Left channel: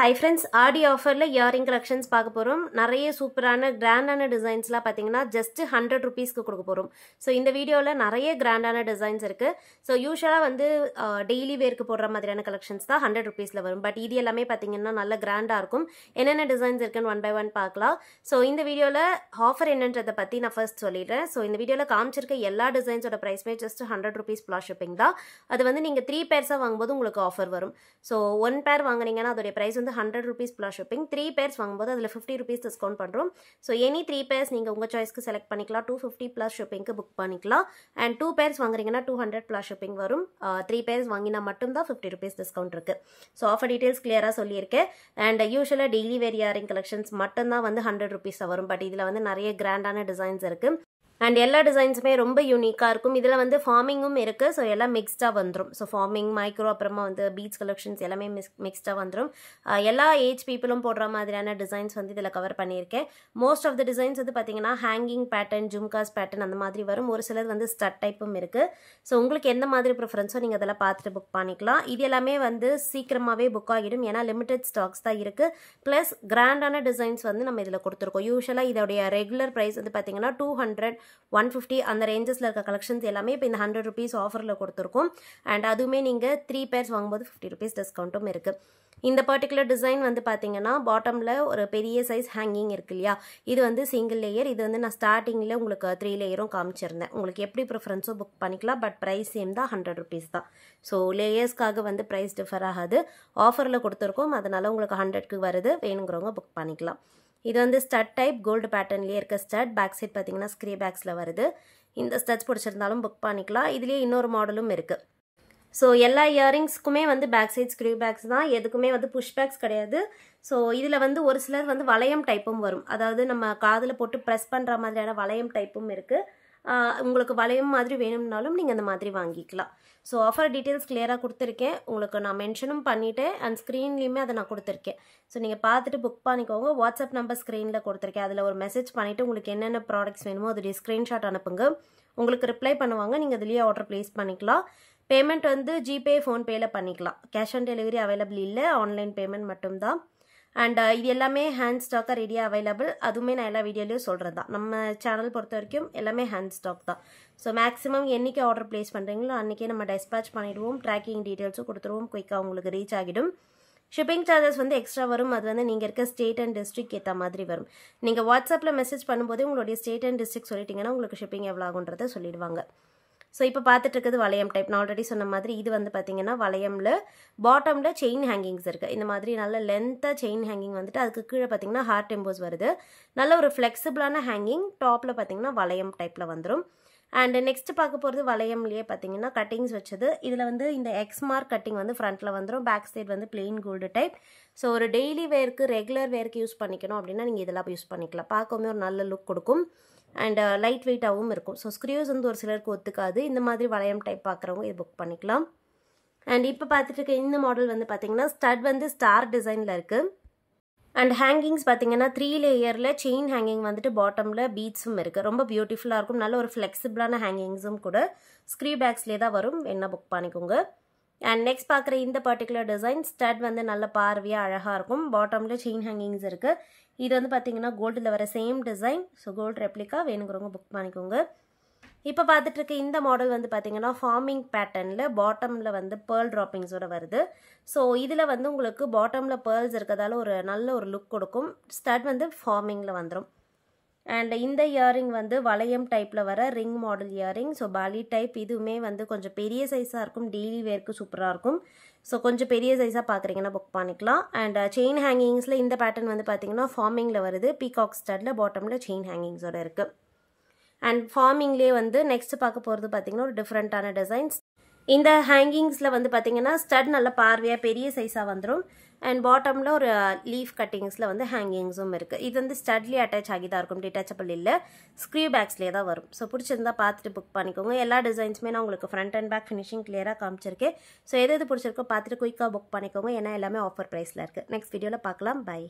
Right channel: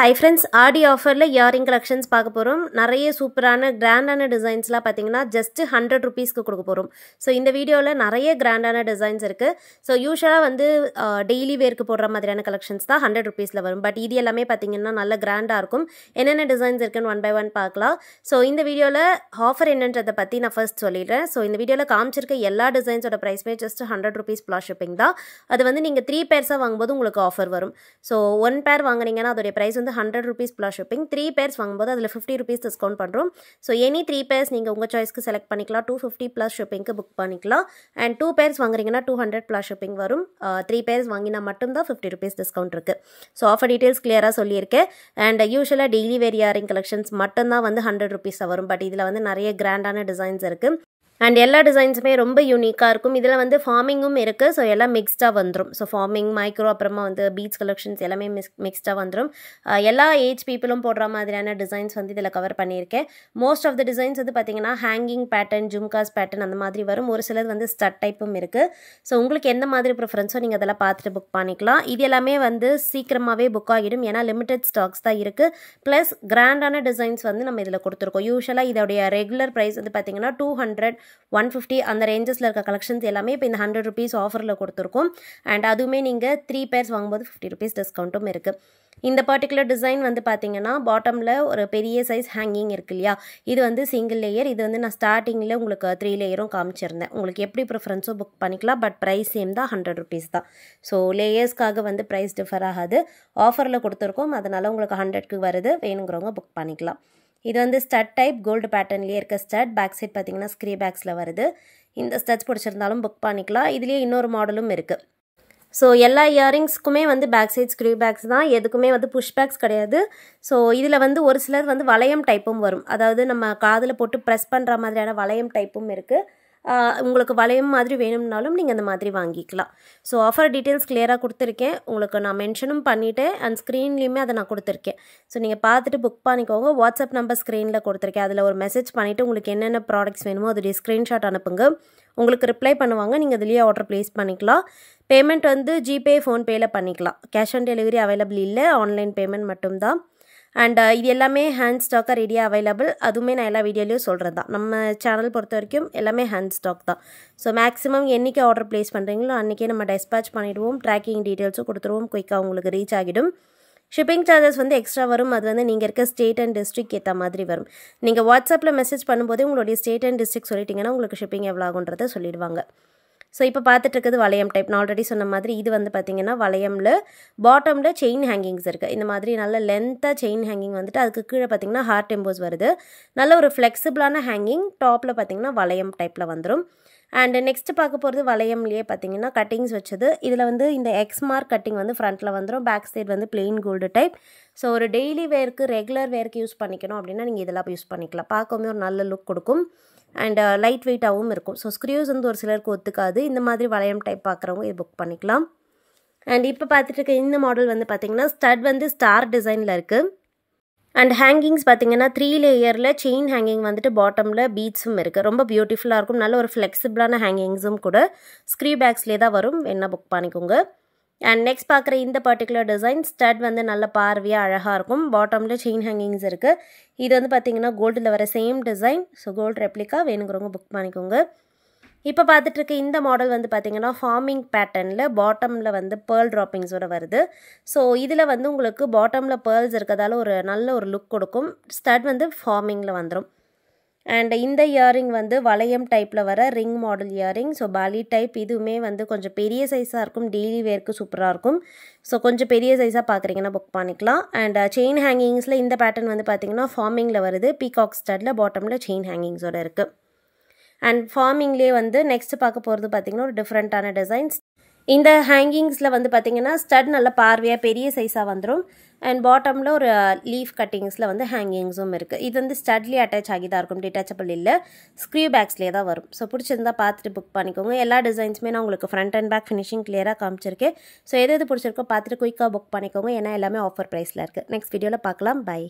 Hi friends, ஆடி ஆஃபரில் earring collections பார்க்க போகிறோம். நிறைய சூப்பரான கிராண்டான டிசைன்ஸ்லாம் பார்த்தீங்கன்னா ஜஸ்ட் 100 ருபீஸ்க்கு கொடுக்க போகிறோம். ஸோ இந்த வீடியோவில் நிறைய கிராண்டான டிசைன்ஸ் இருக்குது. ஸோ யூஸ்வலாக வந்து டெய்லி வேர்க்கு போடுற மாதிரியான கலெக்ஷன்ஸ் தான் 100 ருபீஸில் வரும். பட் இது எல்லாமே பார்த்தீங்கன்னா நல்ல கிராண்டாக இருக்கும். என்னென்ன டிசைன்ஸ் இருக்குன்னு ஒன் பை ஒன் பார்க்கலாம். ஸோ இந்த வீடியோவில் ஆஃபர் என்னன்றதை பற்றி நான் ஃபர்ஸ்ட் சொல்லிடுறேன். ஸோ இந்த வீடியோவில் காமிச்சிருக்க எல்லா டிசைன்ஸோட ப்ரைஸ்மே ஜஸ்ட் 100 ருபீஸ் ப்ளஸ் ஷிப்பிங் தான். அது வந்து நீங்கள் 3 பேர்ஸாக வாங்கும்போது உங்களுக்கு ஆஃபர் வரும். ஸோ 1 பேர் வாங்குனீங்கன்னா அதோடைய ப்ரைஸ் வந்து 100 rupees plus shipping. 3 pairs வாங்கும்போது அதில் 50 rupees டிஸ்கவுண்ட் பண்ணுறோம். ஸோ எனி 3 pairs நீங்கள் உங்கள் சாய்ஸ்க்கு செலக்ட் பண்ணிக்கலாம். 250 plus shippingக்கு புக் பண்ணிக்கலாம். அண்ட் 2 pairs வாங்குறீங்கன்னா 200 plus shipping வரும். 3 pairs வாங்கினா மட்டும்தான் 50 rupees டிஸ்கவுண்ட் இருக்குது. ஸோ ஆஃபர் டீட்டெயில்ஸ் கிளியராக சொல்லியிருக்கேன். அண்ட் யூஸ்வலாக டெய்லி வேர் இயரிங் கலெக்ஷன்ஸ் மட்டும்தான் வந்து 100 rupees வரும். பட் இதில் வந்து நிறைய கிராண்டான டிசைன்ஸ் இருக்குது. அண்ட் எல்லா டிசைன்ஸுமே ரொம்ப யூனிக்காக இருக்கும். இதில் வந்து ஃபார்மிங்கும் இருக்குது. ஸோ எல்லாம் மிக்ஸ்டாக வந்துடும். ஸோ ஃபார்மிங், மைக்ரோ, அப்புறமா வந்து பீட்ஸ் கலெக்ஷன்ஸ் எல்லாமே மிக்ஸ்டாக வந்துடும். எல்லா ஏஜ் பீப்புளும் போடுற மாதிரியான டிசைன்ஸ் வந்து இதில் கவர் பண்ணியிருக்கேன். மோஸ்ட் ஆஃப் த டிசைன்ஸ் வந்து பார்த்திங்கன்னா ஹேங்கிங் பேட்டர்ன், ஜும்காஸ் பேட்டர்ன் அந்த மாதிரி வரும். ஒரு சிலது வந்து ஸ்டட் டைப்பும் இருக்குது. ஸோ உங்களுக்கு எந்த மாதிரி ப்ரிஃபரன்ஸோ நீங்கள் அதெல்லாம் பார்த்துட்டு புக் பண்ணிக்கலாம். இது எல்லாமே வந்து சீக்கிரமாகவே புக் ஆகிடும். ஏன்னா லிமிடெட் ஸ்டாக்ஸ் தான் இருக்குது. ப்ளஸ் கிராண்டான டிசைன்ஸ் வந்து நம்ம இதில் கொடுத்துருக்கோம். யூஸ்வலாக இதோடைய ரெகுலர் ப்ரைஸ் வந்து பார்த்திங்கன்னா 200, 150 அந்த ரேஞ்சஸில் இருக்க கலெக்ஷன்ஸ் எல்லாமே இப்போ இந்த 100 ருபீஸ் ஆஃபரில் கொடுத்துருக்கோம். அண்ட் அதுவுமே நீங்கள் 3 பேர்ஸ் வாங்கும்போது 50 ருபீஸ் டிஸ்கவுண்ட்டும் இருக்குது. இந்த பர்டிகுலர் டிசைன் வந்து பார்த்தீங்கன்னா பாட்டமில் ஒரு பெரிய சைஸ் ஹேங்கிங் இருக்கு இல்லையா, இது வந்து சிங்கிள் லேயர். இது வந்து நான் ஸ்டார்டிங்கில் உங்களுக்கு 3 லேயரும் காமிச்சிருந்தேன். உங்களுக்கு எப்படி ப்ரிஃபரன்ஸோ புக் பண்ணிக்கலாம். பட் ப்ரைஸ் சேம் தான், 100 ருபீஸ் தான். ஸோ லேயர்ஸ்க்காக வந்து ப்ரைஸ் டிஃபர் ஆகாது. ஆஃபரில் கொடுத்துருக்கோம், அதனால் உங்களுக்கு 100க்கு வருது. வேணுங்கிறவங்க புக் பண்ணிக்கலாம். இது வந்து ஸ்டட் டைப் கோல்டு பேட்டர்ன்லேயே இருக்க ஸ்டட். பேக் சைட் பார்த்தீங்கன்னா ஸ்க்ரீ பேக்ஸில் வருது. இந்த ஸ்டட்ஸ் பிடிச்சிருந்தாலும் புக் பண்ணிக்கலாம். இதுலேயே இன்னொரு மாடலும் இருக்குது. ஸோ எல்லா இயரிங்ஸ்க்குமே வந்து பேக் சைட் ஸ்க்ரீ பேக்ஸ் தான். எதுக்குமே வந்து புஷ் பேக்ஸ் கிடையாது. ஸோ இதில் வந்து ஒரு சிலர் வந்து வளையம் டைப்பும் வரும். அதாவது நம்ம காதில் போட்டு ப்ரெஸ் பண்ணுற மாதிரியான வளையம் டைப்பும் இருக்குது. உங்களுக்கு வளையம் மாதிரி வேணும்னாலும் நீங்கள் அந்த மாதிரி வாங்கிக்கலாம். ஸோ ஆஃபர் டீட்டெயில்ஸ் கிளியராக கொடுத்துருக்கேன். உங்களுக்கு நான் மென்ஷனும் பண்ணிவிட்டேன். அண்ட் ஸ்க்ரீன்லேயுமே அதை நான் கொடுத்துருக்கேன். ஸோ நீங்கள் பார்த்துட்டு புக் பண்ணிக்கோங்க. வாட்ஸ்அப் நம்பர் ஸ்க்ரீனில் கொடுத்துருக்கேன். அதில் ஒரு மெசேஜ் பண்ணிவிட்டு உங்களுக்கு என்னென்ன ப்ராடக்ட்ஸ் வேணுமோ அதோடைய ஸ்க்ரீன்ஷாட் அனுப்புங்க. உங்களுக்கு ரிப்ளை பண்ணுவாங்க. நீங்கள் அதுலேயே ஆர்டர் ப்ளேஸ் பண்ணிக்கலாம். பேமெண்ட் வந்து ஜிபே, ஃபோன்பேயில் பண்ணிக்கலாம். கேஷ் ஆன் டெலிவரி அவைலபிள் இல்லை. ஆன்லைன் பேமெண்ட் மட்டும்தான். அண்ட் இது எல்லாமே ஹேண்ட் ஸ்டாக்காக ரெடியாக அவைலபிள். அதுவுமே நான் எல்லா வீடியோலையும் சொல்கிறது தான். நம்ம சேனல் பொறுத்த வரைக்கும் எல்லாமே ஹேண்ட் ஸ்டாக் தான். ஸோ மேக்ஸிமம் என்றைக்கு ஆர்டர் ப்ளேஸ் பண்ணுறீங்களோ அன்றைக்கே நம்ம டிஸ்பேச் பண்ணிவிடுவோம். ட்ராக்கிங் டீட்டெயில்ஸும் கொடுத்துருவோம். குயிக்காக உங்களுக்கு ரீச் ஆகிடும். ஷிப்பிங் சார்ஜஸ் வந்து எக்ஸ்ட்ரா வரும். அது வந்து நீங்கள் இருக்க ஸ்டேட் அண்ட் டிஸ்ட்ரிக்ட் ஏற்ற மாதிரி வரும். நீங்கள் வாட்ஸ்அப்பில் மெசேஜ் பண்ணும்போதே உங்களுடைய ஸ்டேட் அண்ட் டிஸ்ட்ரிக்ட் சொல்லிட்டீங்கன்னா உங்களுக்கு ஷிப்பிங் எவ்வளோ ஆகுன்றதை சொல்லிடுவாங்க. ஸோ இப்போ பார்த்துட்டு இருக்குது வளையம் டைப். நான் ஆல்ரெடி சொன்ன மாதிரி இது வந்து பார்த்திங்கன்னா வளையமில் பாட்டமில் செயின் ஹேங்கிங்ஸ் இருக்குது. இந்த மாதிரி நல்ல லென்த்தாக செயின் ஹேங்கிங் வந்துட்டு அதுக்கு கீழே பார்த்திங்கன்னா ஹார்ட் எம்போஸ் வருது. நல்ல ஒரு ஃப்ளெக்சிபிளான ஹேங்கிங். டாப்பில் பார்த்திங்கன்னா வளையம் டைப்பில் வந்துடும். அண்ட் நெக்ஸ்ட்டு பார்க்க போகிறது வளையம்லேயே பார்த்திங்கன்னா கட்டிங்ஸ் வச்சது. இதில் வந்து இந்த எக்ஸ் மார்க் கட்டிங் வந்து ஃப்ரண்ட்டில் வந்துடும். பேக் சைடு வந்து பிளெயின் கோல்டு டைப். ஸோ ஒரு டெய்லி வேருக்கு, ரெகுலர் வேருக்கு யூஸ் பண்ணிக்கணும் அப்படின்னா நீங்கள் இதெல்லாம் யூஸ் பண்ணிக்கலாம். பார்க்கவுமே ஒரு நல்ல லுக் கொடுக்கும். அண்ட் லைட் வெயிட்டாகவும் இருக்கும். ஸோ ஸ்க்ரீவ்ஸ் வந்து ஒரு சிலருக்கு ஒத்துக்காது. இந்த மாதிரி வளையம் டைப் பார்க்குறவங்க இது புக் பண்ணிக்கலாம். அண்ட் இப்போ பார்த்துட்டு இருக்க இந்த மாடல் வந்து பார்த்திங்கன்னா ஸ்டட் வந்து ஸ்டார் டிசைனில் இருக்குது. அண்ட் ஹேங்கிங்ஸ் பார்த்திங்கன்னா 3 லேயரில் செயின் ஹேங்கிங் வந்துட்டு பாட்டமில் பீட்ஸும் இருக்குது. ரொம்ப பியூட்டிஃபுல்லாக இருக்கும். நல்ல ஒரு ஃப்ளெக்சிபிளான ஹேங்கிங்ஸும் கூட. ஸ்க்ரீ பேக்ஸ்லேயே தான் வரும். வேணால் புக் பண்ணிக்கோங்க. அண்ட் நெக்ஸ்ட் பார்க்குற இந்த பர்டிகுலர் டிசைன் ஸ்டட் வந்து நல்ல பார்வையாக அழகாக இருக்கும். பாட்டமில் செயின் ஹேங்கிங்ஸ் இருக்குது. இது வந்து பார்த்திங்கன்னா கோல்டில் வர same design. So gold replica. வேணுங்கிறவங்க புக் பண்ணிக்கோங்க. இப்போ பார்த்துட்டு இருக்க இந்த மாடல் வந்து பார்த்திங்கன்னா ஃபார்மிங் பேட்டர்னில் பாட்டமில் வந்து பேர்ல் ட்ராப்பிங்ஸோடு வருது. ஸோ இதில் வந்து உங்களுக்கு பாட்டமில் பேர்ல்ஸ் இருக்கிறதால ஒரு நல்ல ஒரு லுக் கொடுக்கும். ஸ்டட் வந்து ஃபார்மிங்கில் வந்துடும். அண்ட் இந்த இயரிங் வந்து வளையம் டைப்பில் வர ரிங் மாடல் இயரிங். ஸோ பாலி டைப். இதுவுமே வந்து கொஞ்சம் பெரிய சைஸாக இருக்கும். டெய்லி வேர்க்கு சூப்பராக இருக்கும். ஸோ கொஞ்சம் பெரிய சைஸாக பார்க்குறீங்கன்னா புக் பண்ணிக்கலாம். அண்ட் செயின் ஹேங்கிங்ஸில் இந்த பேட்டர்ன் வந்து பார்த்திங்கன்னா ஃபார்மிங்கில் வருது. பீகாக் ஸ்டட்டில் பாட்டமில் செயின் ஹேங்கிங்ஸோடு இருக்குது. அண்ட் ஃபார்மிங்லேயே வந்து நெக்ஸ்ட் பார்க்க போகிறது பார்த்திங்கன்னா ஒரு டிஃப்ரெண்ட்டான டிசைன்ஸ். இந்த ஹேங்கிங்ஸில் வந்து பார்த்திங்கன்னா ஸ்டட் நல்ல பார்வையாக பெரிய சைஸாக வந்துடும். அண்ட் பாட்டமில் ஒரு லீஃப் கட்டிங்ஸில் வந்து ஹேங்கிங்ஸும் இருக்குது. இது வந்து ஸ்டட்லேயே அட்டாச் ஆகி தான் இருக்கும். டிட்டாச்சபிள் இல்லை. ஸ்க்ரீ பேக்ஸ்லேயே தான் வரும். ஸோ பிடிச்சிருந்தா பார்த்துட்டு புக் பண்ணிக்கோங்க. எல்லா டிசைன்ஸுமே நான் உங்களுக்கு ஃப்ரண்ட் அண்ட் பேக் ஃபினிஷிங் கிளியராக காமிச்சிருக்கேன். ஸோ எது பிடிச்சிருக்கோ பார்த்துட்டு குயிக்காக புக் பண்ணிக்கோங்க. ஏன்னா எல்லாமே ஆஃபர் ப்ரைஸில் இருக்குது. நெக்ஸ்ட் வீடியோவில் பார்க்கலாம். பை.